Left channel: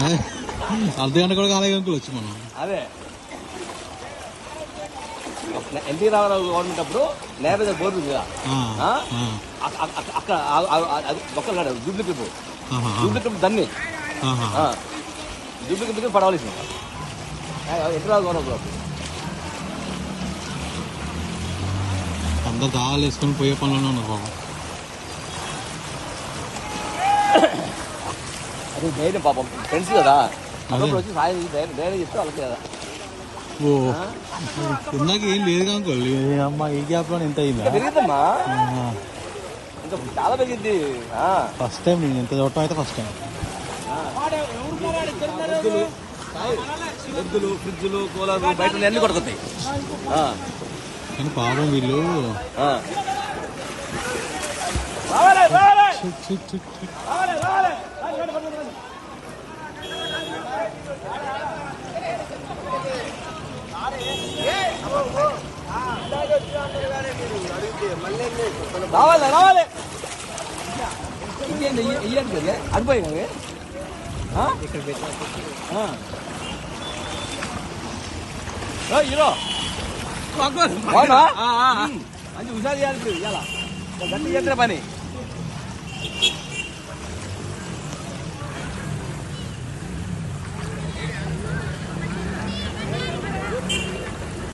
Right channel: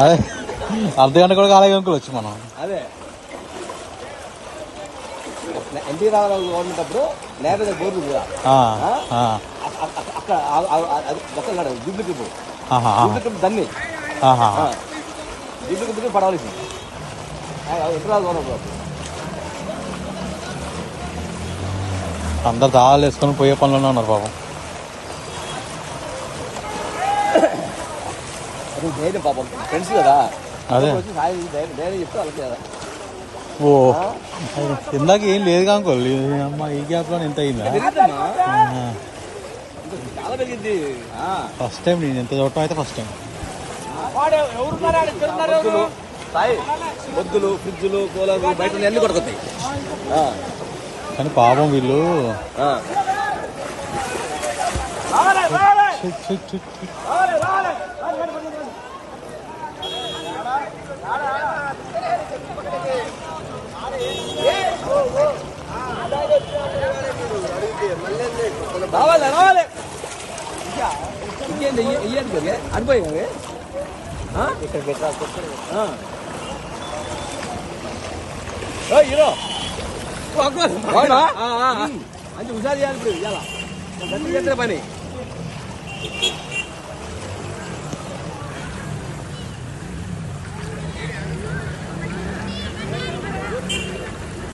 అదే అర్ధగంట కూడా కాలేజ్ అంకుల్ వచ్చి మనం అదే ఎన్టీ రామారావు గవర్నమెంట్ అప్పుడు లేకపోతే బోర్డు అక్కడ ఒక్కడు డూప్లికేట్ దాన్ని డూప్లికేట్ పడవలసింది ఎన్టీ రావు గవర్నమెంట్ అందరు దావాలు వేసుకొని పోయే పనులోనే ఉన్నారు పాపం. అది ధైర్యం పాపం ఫ్రెండ్స్ కదా వచ్చి సాయి ధైర్యం చెప్తే వాళ్ళకి కదా. ఓ ఇందాక ఏం లేదు కానుకోల్ అమ్మ ఈ గ్యాప్ లో ఎంత అయిందా? పెరిగిద్దమ్మా చాలా పెరిగింది. ఫస్ట్ టైం నేను ఎంత చూడటం అయితే ఫస్ట్ టైం. వద్దులు ఫ్రిడ్జ్లు కూలర్లు బయట అన్ని కొడుకుతాయి. కానీ పాపం వీళ్ళు రావాలి రావాలి ఇంకేంటి ఇయ్యండి అనిపోయి ఇక్కడ హీరో మంచి హుషారు చేయాలి ఇప్పుడు ఇలా గట్టి చేస్తే పని